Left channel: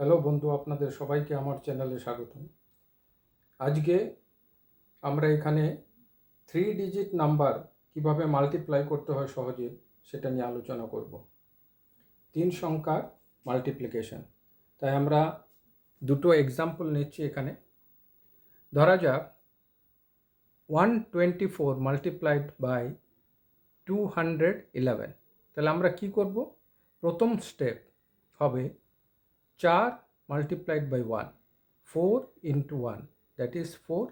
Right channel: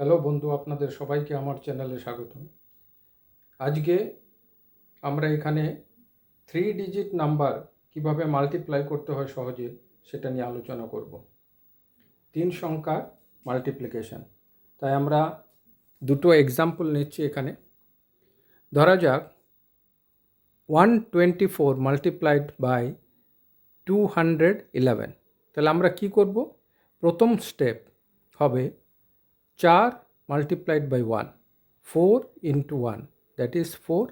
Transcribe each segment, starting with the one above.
Hello বন্ধু, আপনাদের সবাইকে আমার চ্যানেলে স্বাগতম। আজকে আমরা এখানে 3 ডিজিট নাম্বার কিভাবে মাল্টিপ্লাই করতে হয় সহজে সেটা নিয়ে আলোচনা করব। 3 সংখ্যার মাল্টিপ্লিকেশন। তাই আমরা দুটো এক্সাম্পল নিচ্ছি এখানে। ধরা যাক 124 মাল্টিপ্লাইড বাই 211। তাহলে আমরা কি করব? প্রথম স্টেপ হবে 4 multiplied by 1, 4 into 1, that is 4.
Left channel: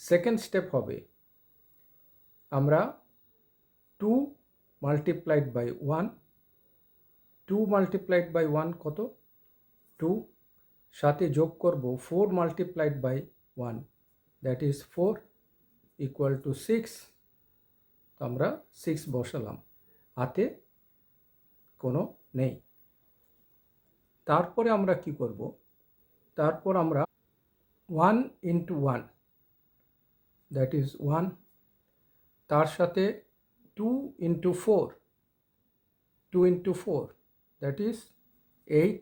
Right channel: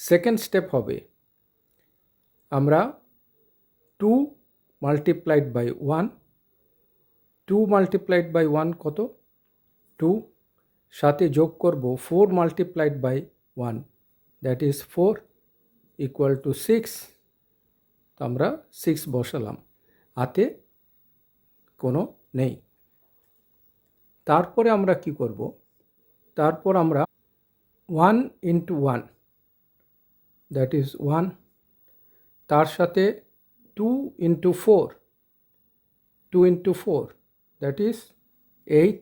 Second step হবে আমরা 2 multiplied by 1, 2 multiplied by 1 কত? 2, সাথে যোগ করব 4 multiplied by 1, that is 4, equal to 6. তো আমরা 6 বসালাম, হাতে কোনো নেই। তারপরে আমরা কি করব? তারপর আমরা 1 into 1, that is 1, তার সাথে 2 into 4, 2 into 4, that is 8,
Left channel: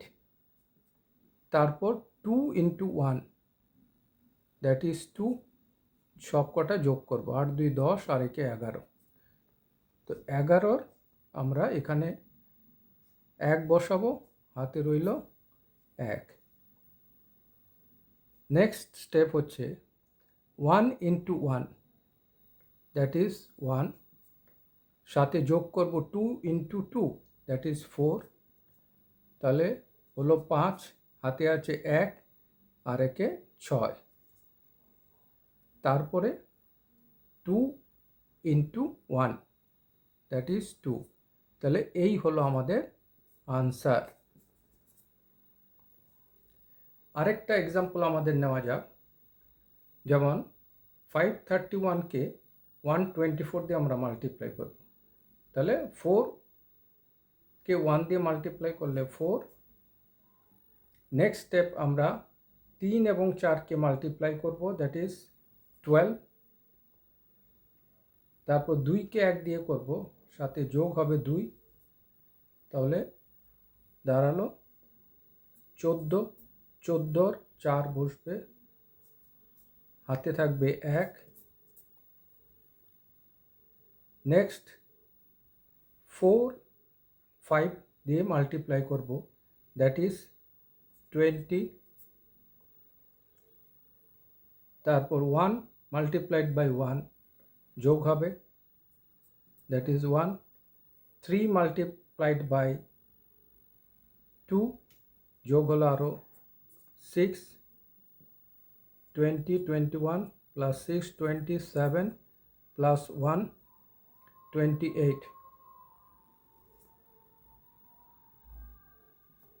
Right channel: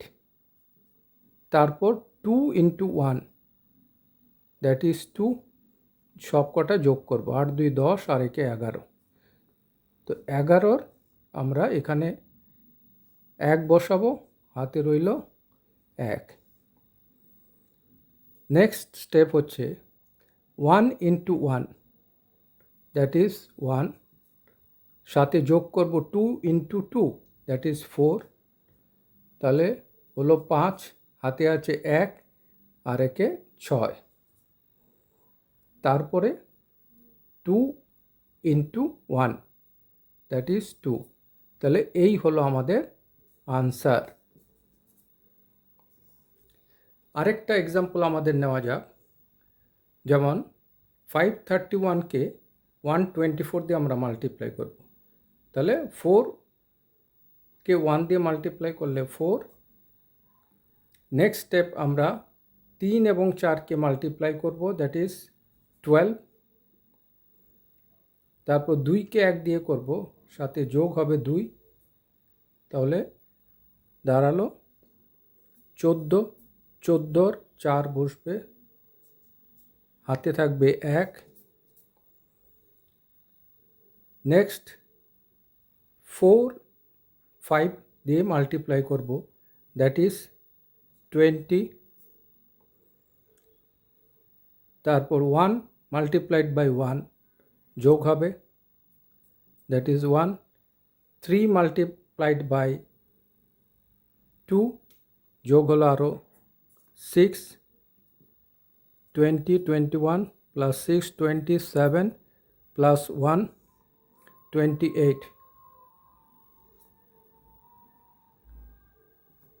তারপর 2 into 1, that is 2, সব কটা যোগ করব, 8 2 10 আর 1 11। তো 11 আমরা এখানে 1 বসাবো, হাতে রইল 1। নেক্সট স্টেপ হচ্ছে 1 into 1, that is 1, সাথে যোগ করব 2 into 2, that is 4, তাহলে হলো 5, হাতে আছে 1 আর 1 6, তারপরে 2 into 1, that is 2। তাহলে এই হলো আমাদের আনসার। আরেকটা এক্সাম্পল আমাদের নেওয়া যাক। যেমন 531কে 124 দিয়ে আমরা মাল্টিপ্লাই করব। তাহলে 4কে 1 দিয়ে মাল্টিপ্লাই করলে 4। নেক্সট স্টেপ আমরা 3 এবং 4কে মাল্টিপ্লাই করব, দ্যাট ইজ 12। তারপর 2কে 1 দিয়ে করব, সাথে যোগ হবে 2, তাহলে দাঁড়ালো 14। 14 4 বসবে, হাতে থাকবে 1। নেক্সট 4 5 দিয়ে মাল্টিপ্লাই করব, দ্যাট ইজ 20। তারপর 1 মাল্টিপ্লাইড বাই 1 যোগ হবে, দ্যাট ইজ 1। 3 মাল্টিপ্লাইড বাই 2 যোগ হলো আরও 6। 20 21 প্লাস 6 27 প্লাস 1 28,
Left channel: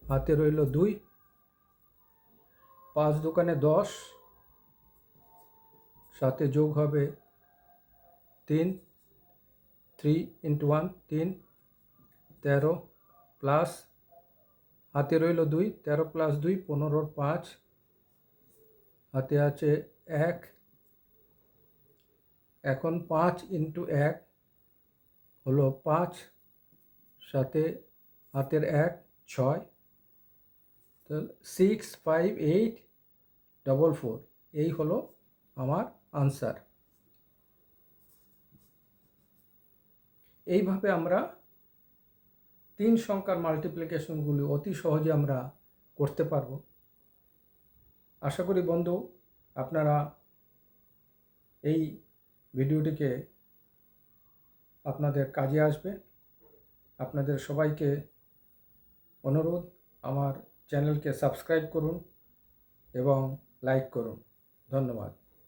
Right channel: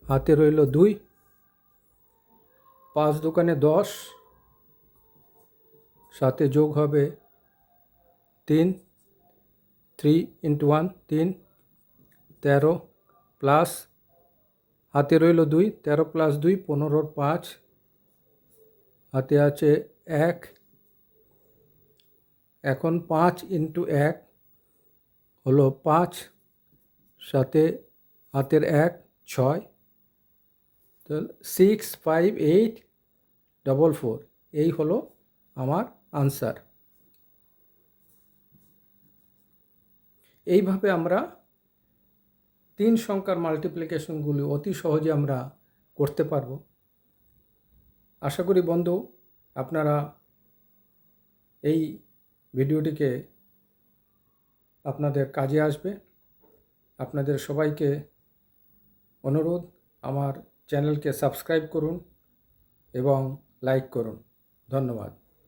হাতে রইল 2। 5 দোকানে 10, সাথে যোগ হবে 3, 3 into 1 3, 13 প্লাস হাতে রইল 2, 13 প্লাস 2 15, 5, হাতে আছে 1। এখন 5 into 1 হলো 5, সাথে হাতের 1 6, তো 6 5 8 4 4, এই হলো আমার আনসার। এইভাবে আমরা 3 সংখ্যার মাল্টিপ্লিকেশনগুলি অতি সহজে আমরা করতে পারব। আশা করি বন্ধু আপনারা এই ভিডিওটিকে আপনাদের কাজে আসবে। আপনাদের সবাইকে অনুরোধ, আমার চ্যানেলকে সাবস্ক্রাইব করুন এবং লাইক করুন। ধন্যবাদ।